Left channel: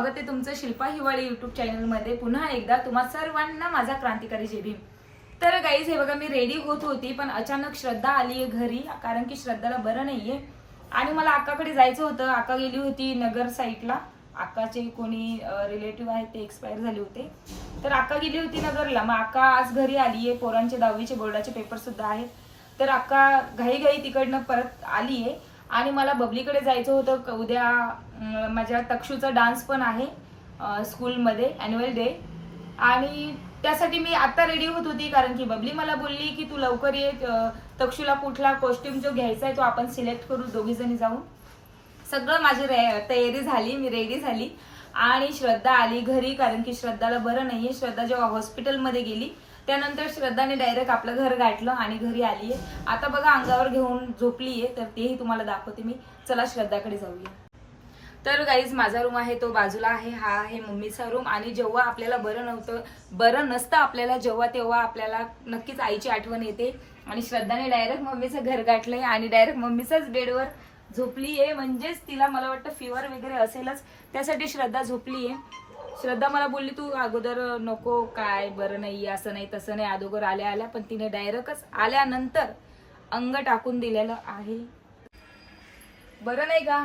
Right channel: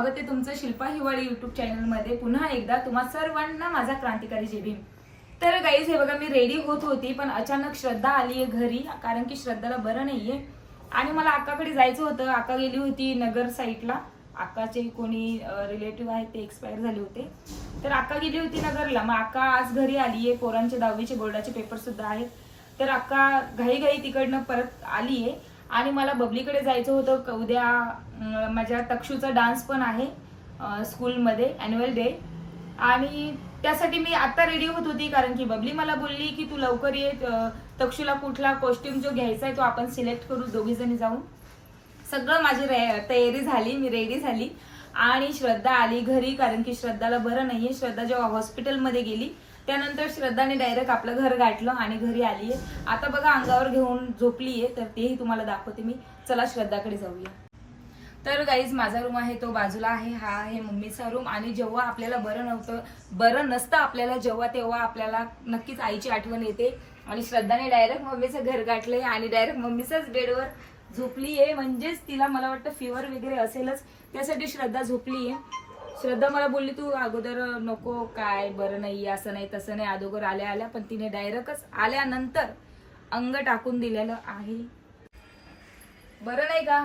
स्वागत आहे तुमचं शिल्पा हिवाळी युट्यूब चॅनलमध्ये पुन्हा एकदा तुम्हा सर्वांना माझा क्रांतिकारी जय भीम। तर गाईज हे बघा मी रेडी होत होती पण अचानक श्रद्धा आली आहे घरी, कारण की श्रद्धाला बरं नाहीये आणि मला अक्काकडे जायचं होतं। अक्का गेली होती नगर साईडला, अक्काचे कोणी रिलेटिव्ह आहेत ते एक्सपायर झाले होते, तर अक्का गेली होती नगरला। मग अक्का आज घरी आली आहे, पोरांचे 10वीचे बोर्डाचे पेपर सुद्धा आहेत, तर अक्का घाई तिकडनं परत आली आहे आणि मला बबलीकडे जायचं होतं। उद्या माझ्या तक्षूचा डान्स पण आहे स्कूलमध्ये, ॲन्युअल डे, आणि त्यासाठी मी आता रेडी होत होती, कारण की बबली मला बोलली की तू लवकर ये, तक्षूला कुठला कॉस्ट्युम जो घ्यायचा आहे तो आपण सिलेक्ट करू दोघी जणी जाऊन। सगळं माझी तयारी झाली, मी रेडी झाली आणि श्रद्धा आली घरी, कारण की श्रद्धाला बरं नाहीये। श्रद्धा जेव्हा हॉस्पिटलमध्ये गेली त्यानंतर श्रद्धाने डायरेक्ट आपलं घर गाठलं आणि घरी आलीये। आता बघा अंगावर घेऊन झोपलीये, तर तेही तुम्हाला दाखवते मी। चला श्रद्धाकडे जाऊया। तर गाईज माझा रूम आहे तो बाजूला आहे, हा आहे मम्मीचा रूम। आणि जेव्हा आपल्याला बरं नसतं आपल्याला तेव्हा आपल्याला नक्कीच आईची आठवण येते, आणि श्रद्धाने डायरेक्ट मम्मीचं घर गाठलंय आणि डायरेक्ट मम्मीच्याच बेडवर झोपलीये, म्हणजेच तिला मला वाटतं फिवर वगैरे असेलच, त्यासाठी श्रद्धा झोपलीये। श्रद्धा मला बोलली तू अगोदर नको, काय बरं नाही असं नाही तसं नाही, अगोदर आल्या पण तिने डायरेक्टच आल्यानंतर अंग टाकून दिलेलं आहे। बरं नाही का?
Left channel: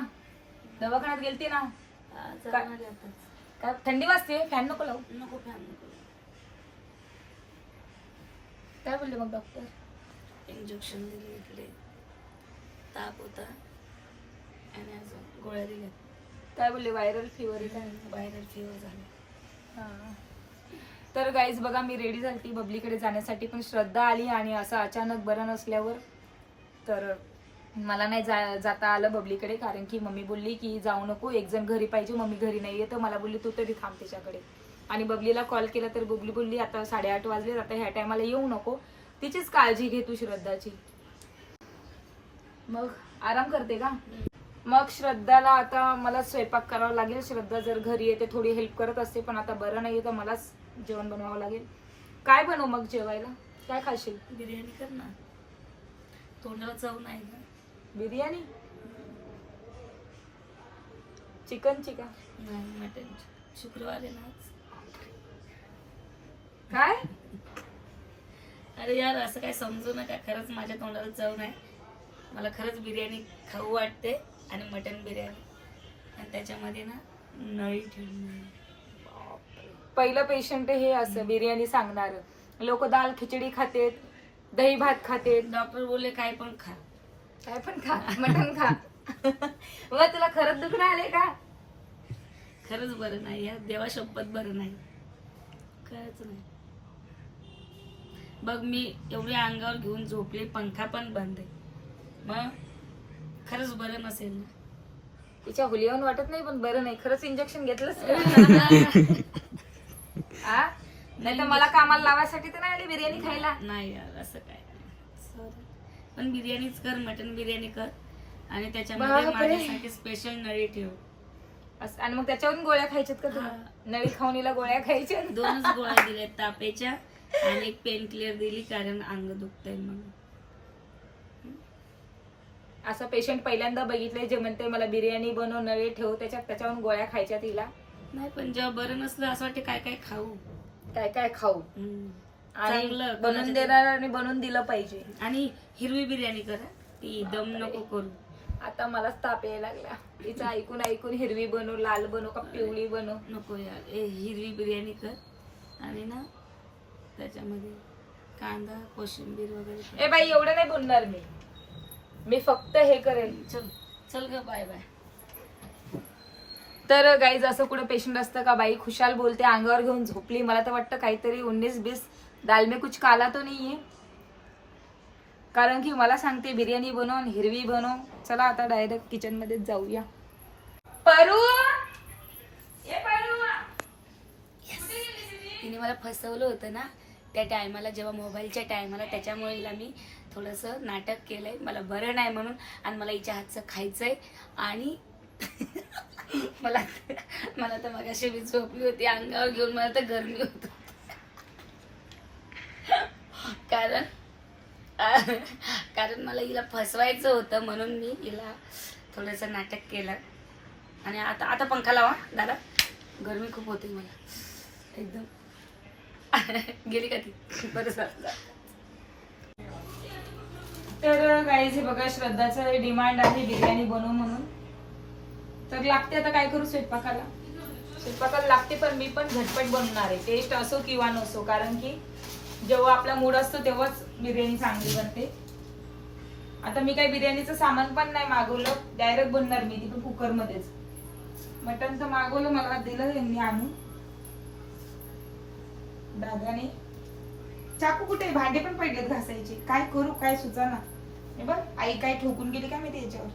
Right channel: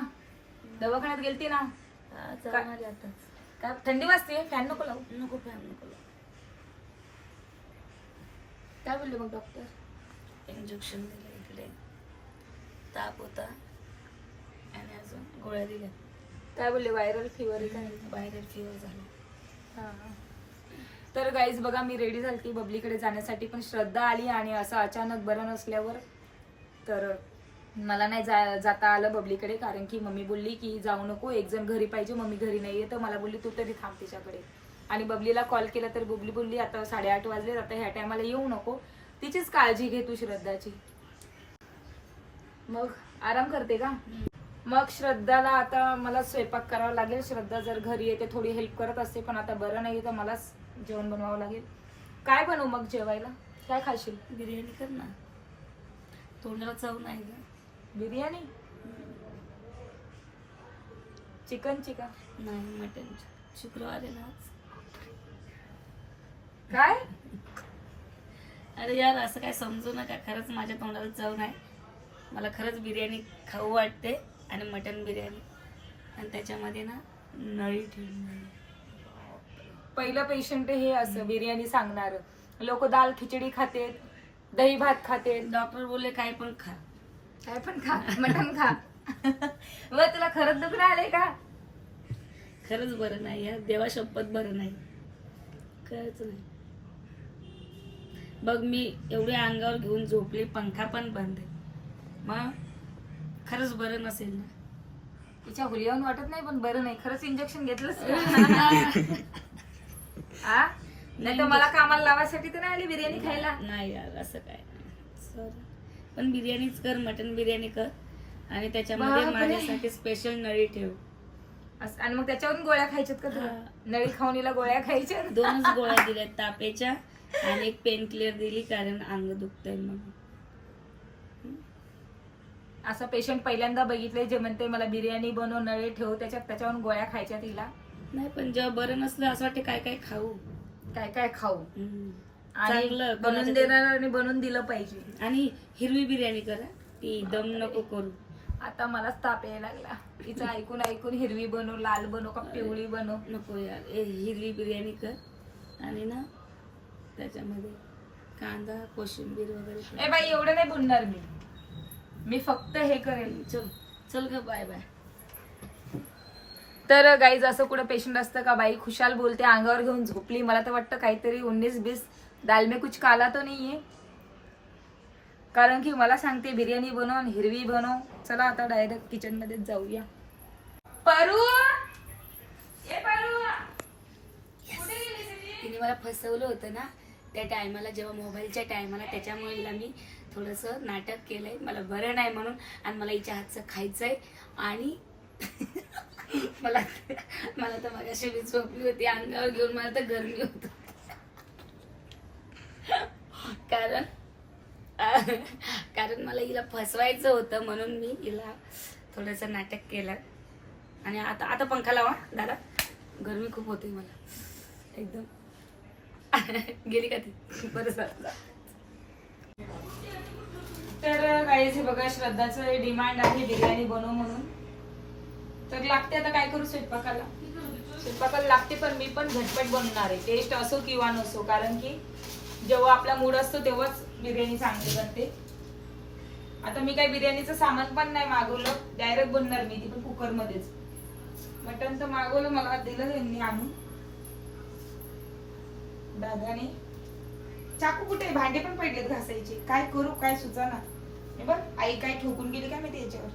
दवाखान्यात गेलती ना? का थंडी वाजते? फॅन नको लावू? नको फॅन नको। काय बोलले मग डॉक्टर? इंजेक्शन दिले, इकडे ताप होता आणि अजून गोळ्या दिल्या। काय बोलले? व्हायरल फिवर आहे काय? व्हायरल फिवर झाली। तर गाईज बघा मी रेडी झालती बबलीकडे जाण्यासाठी, पण श्रद्धा आली आणि असं अचानक बरं नसल्यावर तर मला नाही जाता आलं बबलीकडे, कारण की मम्मी बोलली की जाऊ नको, एक जण घरी पाहिजे, मम्मी घरी नाहीये, तर मला बोलली तू तरी थांब तिच्याकडे। आणि बबलीला कॉल केला तर बबली बोलली आता 8:30 वाजले, आता ह्या टायमाला येऊ नको, तिचीच काळजी घे तू श्रद्धाची। मग आराम करते का? मग श्रद्धाला आता मला स्वयंपाक करावा लागेल। श्रद्धा जर घरी येते थोडी हेल्प करत असते, पण आता बरं नाही तर मलाच जेवण बनवावं लागेल। काय बनवू मग जेवायला? काय खाशील? बिर्याणी कर ना, तोंडाला चव नाही का? बिर्याणी? चिकनची का? नाही, मटन। शुक्रवार आहे ना आज। काय? अरे यार असं काय समजू नका, खरंच माझ्या तोंडाला चव नाही, मला खरंच बिर्याणी खाऊ वाटते, आणि मटन बिर्याणी, आणि त्याच्यामध्ये ना नळी ठेवून। पहिलं पेशंट हे असं बिर्याणी सांगणार, लोक दाल खिचडी खातेत, दही भात खातेत, डॉक्टर बोलले काय पण खा, काय पण खा, मटण खा। बघा तुला खरंच दुखणं आले का? खरंच बरं नाही यार, देवा शपथ बरं नाही, खरंच नाही। बघ मी एवढे अंगावर घेऊन झोपले, पंखा पण बंद आहे, मग खरंच बरं नसेल ना? तिच्या हुलियाहून वाटत नाही, पण बरं नाही खरंच। इंजेक्शन घेतलंच नाही तर मला कामाला लावायसाठी तर नाही आली बिर्याणी खायला। नाही यार असं काय नाही, सॉरी, पण बिर्याणीच कर, मटन बिर्याणी कर, आणि त्याच्यामध्ये माझ्यासाठी स्पेशल नळी ठेव। आणि मग त्याच्यावरून गोळ्या खायच्यात का तुला? नळी खाऊनीला गोळ्या खायच्या? 2च गोळ्या दिल्या तापेच्या, आणि एक पेन क्लिअर दिली कारण अंग दुखतंय म्हणून। असा पेशंट पहिल्यांदा बघितलंय जे म्हणते मला बिर्याणी बनव, नळी ठेव, त्याच्यावरून गोळ्या खायच्या तिला। नाही पण जेव्हा बरं नसलं असं वाटतं काय काय खाऊ, काय खाऊ, आणि चांगलं बनवून देणार आणि बनवून दिलं पाहिजे। आणि हिरवी बिर्याणी करा, ती दम नको करू। आता मलाच ताप यायला लागला तिचं ऐकून हिरवी बनव, लाल बनव का पिवळी बनव? नको यार, हिरवी बिर्याणी कर, आणि ना त्याच्यामध्ये कांदा कोशिंबीर वगैरे। ए बाई एवढं नाही बोलणार मी फक्त हे करेल। चल चल ग, बाय बाय। तर गाईज असं कुठं पेशंट असतं का? बाई खुशाल बोलते, अंगावर घेऊन झोपली। मला तर वाटतं काहीतरी 19-20 दाल में कुछ काला तो नाहीये, कारण की मला सांगते बिर्याणी बनव, हिरवी बनव। चला आता डायरेक्ट किचन मध्ये जाऊया। परू, तिने मला फसवलं होतं ना त्या टायमाला, जेव्हा मोबाईलच्या टायमाला, त्याच्यामुळे हिला मी थोडंसं नाटक केलंय, मला बरं नाही म्हणून, आणि मला हिच्या हातचं खायचंय। आणि मला तर मगाशी मी झोपली होती अंगावर घेऊन, मला तर गरमी होत, कारण मला हिला फसवायचं होतं, म्हणून मी हिला थोडंसं नाटक केलं। आणि आता पंखा लावा दादा, गरमी खूप होते मला एकदम. गेली का ती? बरं झालं. तर गाईज हे बघा, श्रद्धाचं डिमांड आहे बिर्याणी बनव म्हणून. तर लागते, आता काय करू, स्वयंपाकाला लागते, पण मी पण झटपट बनवणार आहे, टेस्ट असो किंवा नसो. कारण की जेव्हा आपला मूड असतो तेव्हाच बिर्याणी चांगली बनते. आता मी काही बिर्याणीचं सामान पण नाही मागवलं, डायरेक्ट बनणार मी, ती पण कुकर मध्येच. मटण तर मागवलं, मला दिलं यांनी आणून दादाने. चाकू कुठे, भांडे पण पडलेत घासायचे, काय करू काय सुचाना. हे बघ, आई काय ठोकून गेली काय माहिती याच्यावर.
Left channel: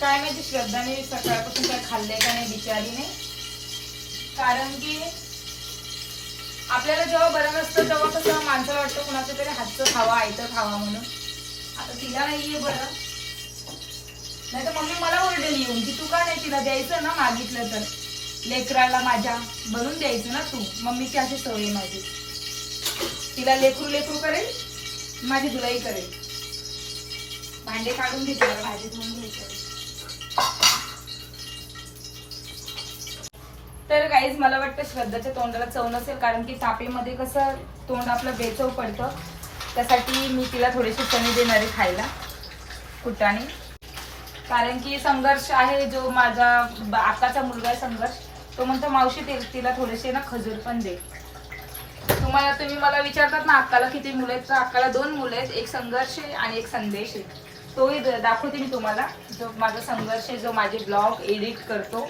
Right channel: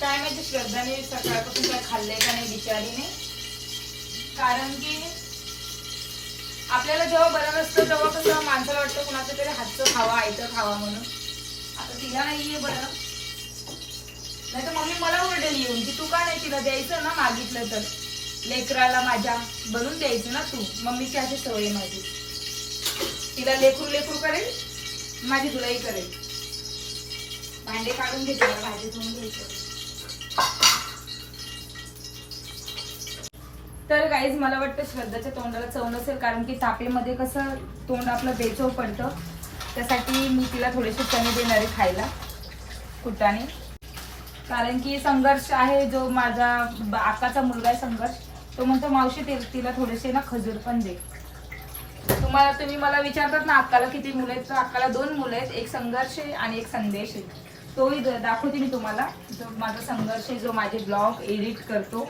काय माहिती श्रद्धाने सकाळपासून काय खाल्लंय का नाही बिचारीने. कारण की आपल्याला जेव्हा बरं नसतं तेव्हा कसं माणसाला वाटतं कुणाचं तरी हातचं खावा, आयतं खावा म्हणून. आता तिला नाहीये बरं, नाही तर मम्मी मला ओरडेल येऊन की तू का नाही तिला द्यायचं ना, मागितलं तर लेकराला माझ्या बनवून द्यायचं ना तू. मम्मीची अशी सवय माझी, तिला लेकरू लेकरू करेल, माझी तुलाही करेल. भांडे काढून घेते, मला भाजी धुवून घ्यायचं. तर गाईज मला वाटतं श्रद्धाच्या तोंडाला चव नसेल, कारण की तापेमध्ये कसं तोंड आपलं बेचव पडतं. त्यासाठी मी तिला थोडेसे चणे देणार आहे खायला कुटाने. कारण की संघर्ष आहे, जो माझा आकाचा मुलगा आहे संघर्ष, तो म्हणतो मावशी तिला थोडेसे ना खजूर पण दे. तुम्ही मला विचारतात ना अक्काला किती मुलं आहेत, तर अक्काला 2 मुलं आहेत, एक संघर्ष आहे आणि एक संदेश आहे. तोही दाखवते मी तुम्हाला, जो माझा संघर्ष आहे, जो माझे ब्लॉग एडिट करतो.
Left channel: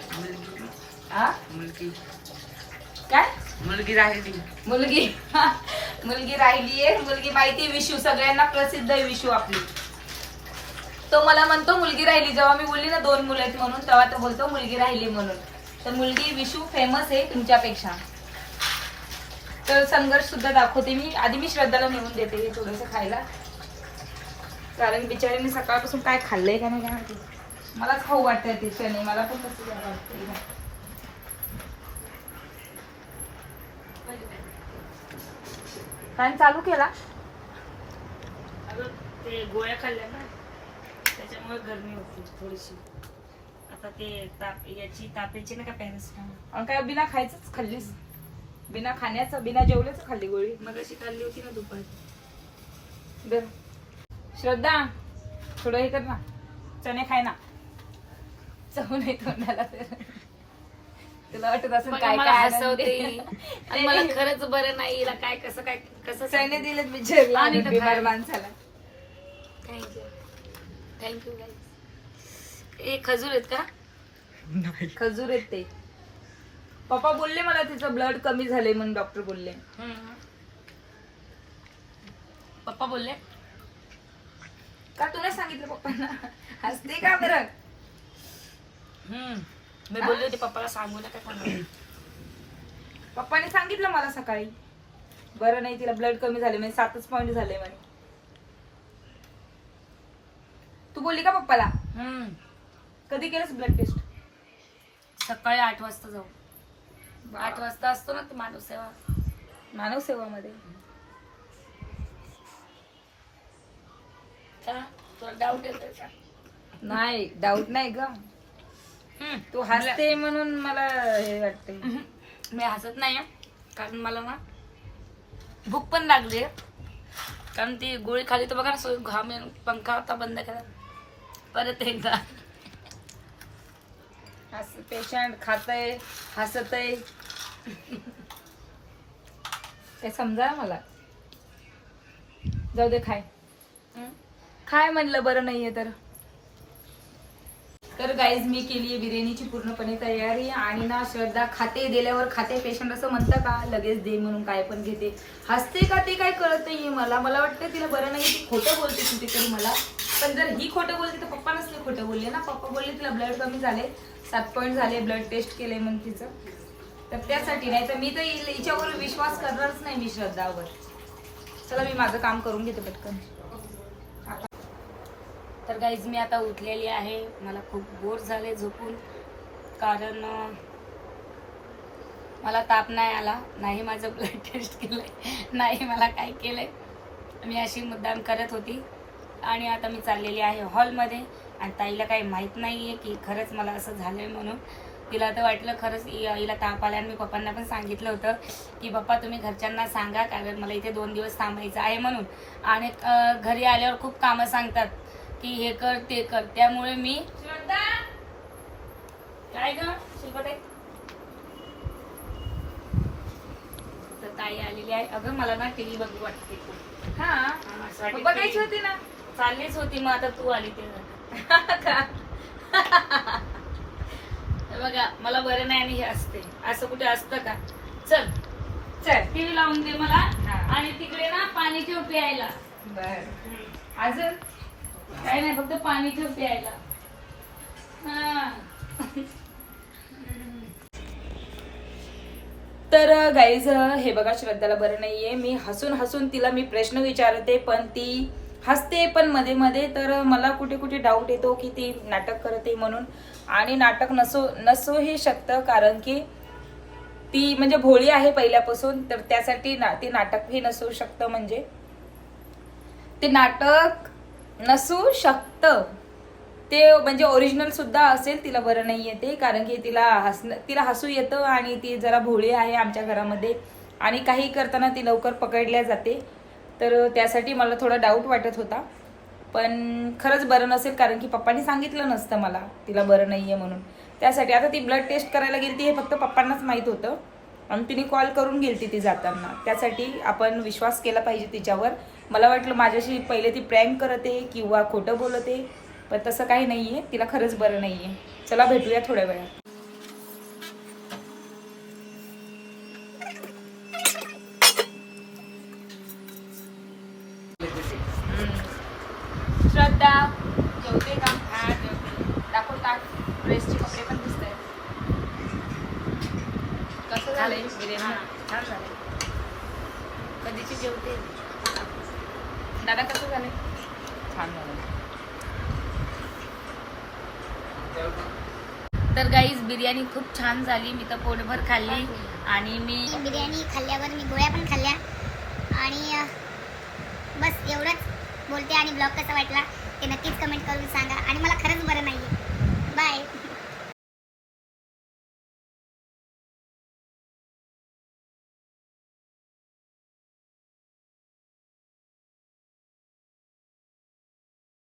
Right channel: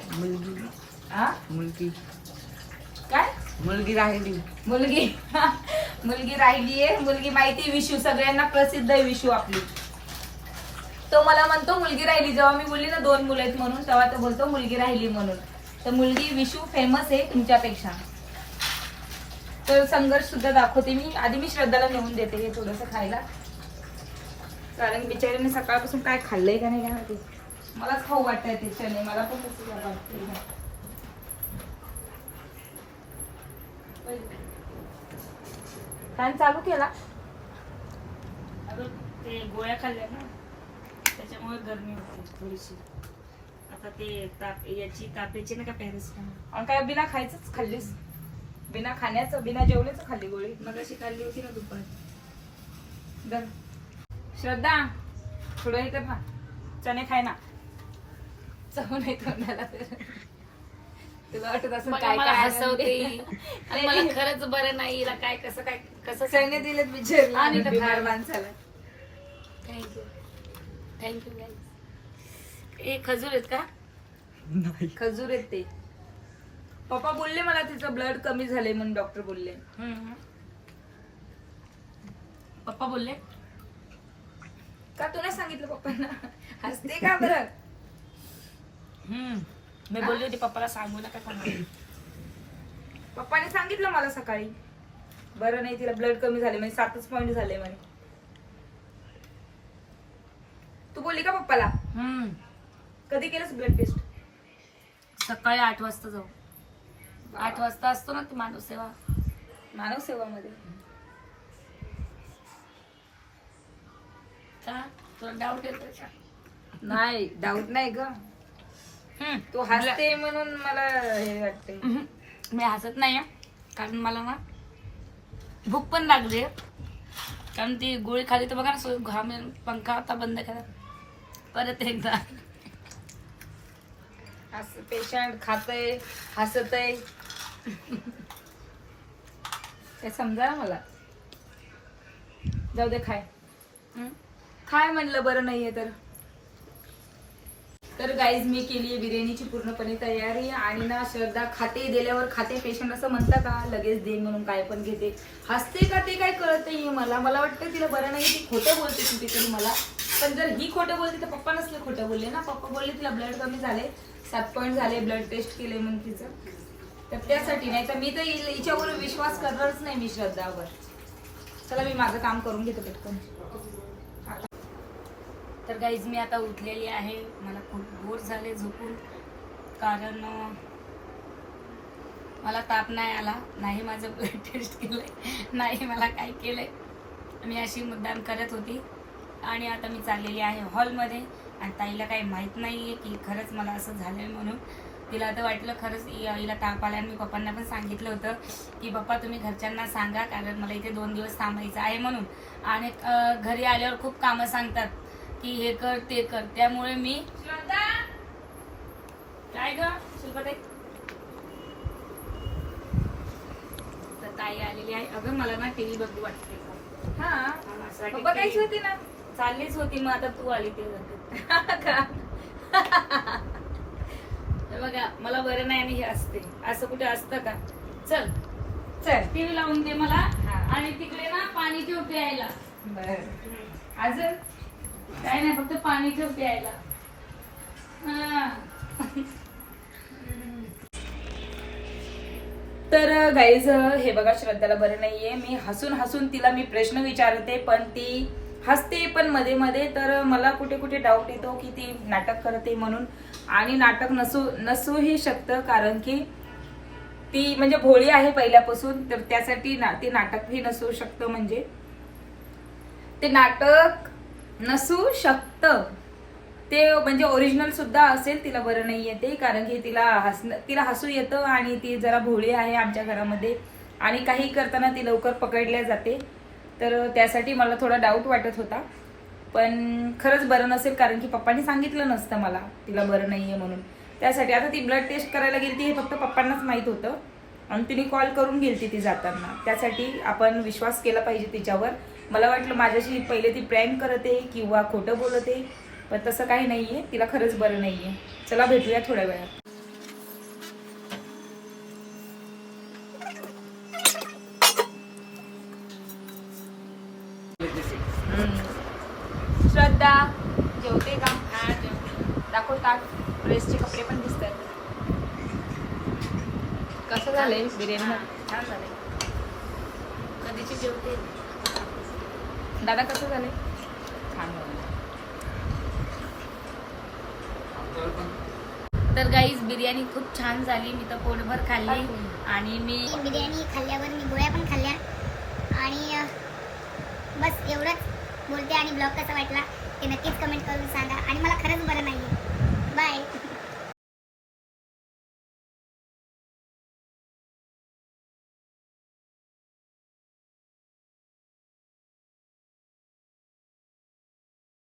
मुलगी काय मुलगी राहिली, मुलगी मुलगी राहिली आहे. मुलगी माहिती, विशू सगळ्यांना प्रसिद्ध आहे विशू आपली. तो मला म्हणतो मुलगी राहिली, जेव्हा मी बोलली ना 2 मुलं आहेत म्हणून, तेव्हा तो बोलतो मुलगी राहिली म्हणून. तर मुलगी विशू फेमस आहे तुमच्यापेक्षा. तर संघर्ष सुद्धा दाखवते मी. आधी मी श्रद्धाला नेऊन देते हे थोडंसं खायला, कारण बिचारीने सकाळपासून काय खाल्लंय का नाही काय माहिती. मलाच खाऊ वाटतंय ते चणे, मला पण तसं वाटतंय. फॅन चालू केला, ते गोळ्या खाल्ल्या ना त्याच्यामुळे गरमी होती थोडीशी. आता ते तापेची ना का पॅरासिटामॉल. आणि काय बिना खायचंच खाल्लीस, बिना खाण्याचं बिना जेवल्याचं खाल्ली गोळी. मग अशी खाल्ली होती ना दुपारी. बर श्रद्धा, थोडं हे कर ना, चणे खाय ना, चव नाही तोंडाला. तर तुला वाटत असं काय मला काय हसवते आणि मला खरंच बरं नाही, हिला काय कसं चणे दिलेत बिचारला आणि तर बिमार खायला. माणसाला. Thank you guys. हे खजूर आहेत का? खजूर आहेत ते. पप्पा बोलले मला तिचं ब्लड कमी झाले म्हणून, डॉक्टर बोलले. पप्पा बोलले का तुला सांगितलं पप्पांना? हसते का बरं? मी बोलले होते पप्पाला सांगू नका सांगू. पप्पाने सांगितलं मला सकाळी, बरं नाही तिला ब्लड कमी झाले, म्हणजे 7च पॉइंट झाले म्हणे. तू बोलली का पप्पाला? कधी केलंस ब्लड टेस्ट? सकाळी 8 वाजता जाऊ. 8 वाजता असतो ना ते मानव सेवामध्ये. तुला डाऊट येतो का? नाही, डाऊट नाही ग, तू हसते म्हणून मला हे वाटते. मी हसत नाही कारण मला ना भूक पण लागली, कारण ती गोळी खाली तर बघा ना, घाम पंखा होता बंद करा परत एकदा. पेशंट खातय हसतय ते समजा मला. जाऊ दे, खाय म्हणलं, बरं नाहीये तर गाईज मी केली आहे बिर्याणीची पूर्णपणे तयारी. आणि ना श्रद्धा खाते, दिल्यावर खाते. पेशंट असं म्हणतं का लगेच दे म्हणून काय पण घेते, हसते का ते काय कळत नाहीये मला. वाटतं तिला बरं नाही, ती खोटं बोलते कुठेतरी मला. पण जर ही खोटं बोलते तर पप्पा नसले खोटं बोलले ना. पप्पा बोलले तिला ब्लड कमी झाले, 7 पॉइंट झाले, ब्लड टेस्ट केले म्हणून तिचं. तर त्यासाठी, नाही तर मी तर हिच्यावर विश्वास करणारच नाही मी श्रद्धावर. चला मी माझं काम करून घेते पटकन. तर गाईज मी आता उठलेली आहे, मला खूप बोर झाले झोपून. कारण मला ताप नाही आला, नाही माझं ब्लड टेस्ट केलंय, नाही मला काय केलंय. मी अशी मुद्दाम करत होती आणि आता मी चाललेली आहे हॉलमध्ये. आणि ताईला काही माहीत नाही आहे की खरंच मला असं झालं आहे म्हणून. तिला तर वाटलं खरंच हिला ताप आला. आणि मी पप्पांना पण सांगितलं होतं की पप्पा तुम्ही घरच्यांना सांगा, कारण मला इथे 2 दिवस थांबायचं आहे म्हणून. आणि घरी आल्यावर खूप कामं सांगतात की हे कर ते कर, त्यामुळे मी काय ग शिल्पताई तर ताई आलेली आहे. अगं मला ना टीव्ही बघू वाटते. हा माझ्यासाठी बघायची होती ना. चाललीच होती, मग आता तू आली ते का? बघा मला बरं नाही आणि हे असते, असं कुठे असतं का. चल चल टीव्ही लावून दे मला. हा. आणि तिकडे ना पाणी ठेव प्यायला. बर अजून काय नाही, फक्त पाणी ठेव प्यायला. हा. तर गाईज हे बघा, श्रद्धाला बरं नाहीये. मी हसून हसून तिला मी प्रश्न विचारते पण ती हसते पण मध्ये मध्ये. तर मला कुठे कुठे डाऊट येतो की ती नाटक करते म्हणून. आणि नाटक नसूही शकतं, कारण की ती म्हणजे भोळी आहे पहिल्यापासून. तर त्यासाठी ती नाटकही नसू शकतं. म्हणजे ते नाटक नसू शकतं ते, म्हणजे ओरिजिनल सुद्धा असेल. तिला बरं नाही येते कारण की तिला हसू येतं आणि ती जरा भोळी आहे आमच्या घरामध्ये. आणि काही करताना ती लवकर पकडल्या जाते. तर त्यासाठी मला थोडा डाऊट वाटत होता. पण खरंच बरं नसेल, कारण की पप्पांनी सांगितलं नसतं मला तिला बरं नाहीये म्हणून. त्यासाठी आता ती ब्लड टेस्ट करायला गेली हे फक्त पप्पांनाच माहित होतं. आणि तिने कॉल करून गेली ती जाताना. त्यासाठी आपण विश्वास केला पाहिजे तिच्यावर. मला वाटलं माझ्याशी पहिले ती प्रँक करते किंवा खोटं बोलते, पण तसं काही नाहीये. तिला खरंच बरं नाहीये. चला भेटूया थोड्या वेळात. श्रद्धा जेवते का? हा जेवते. दाखव ताट. प्रेसचे कपडे पण दिसत आहेत. कसं झालंय बिर्याणी? छान झाले. कधीची जेवते. दादा कसं झालंय? छान झालं. तर गाईज बिर्याणी खूप छान झाली. मी तर पोटभर खाल्ली. आणि मी बिर्याणी खाल्ल्यावर मी गोळ्या पण खाल्ल्या. आणि बस एवढंच बोलते. आणि ब्लॉग कसा वाटला ते नक्कीच कमेंट करून सांगा. आणि मला खरंच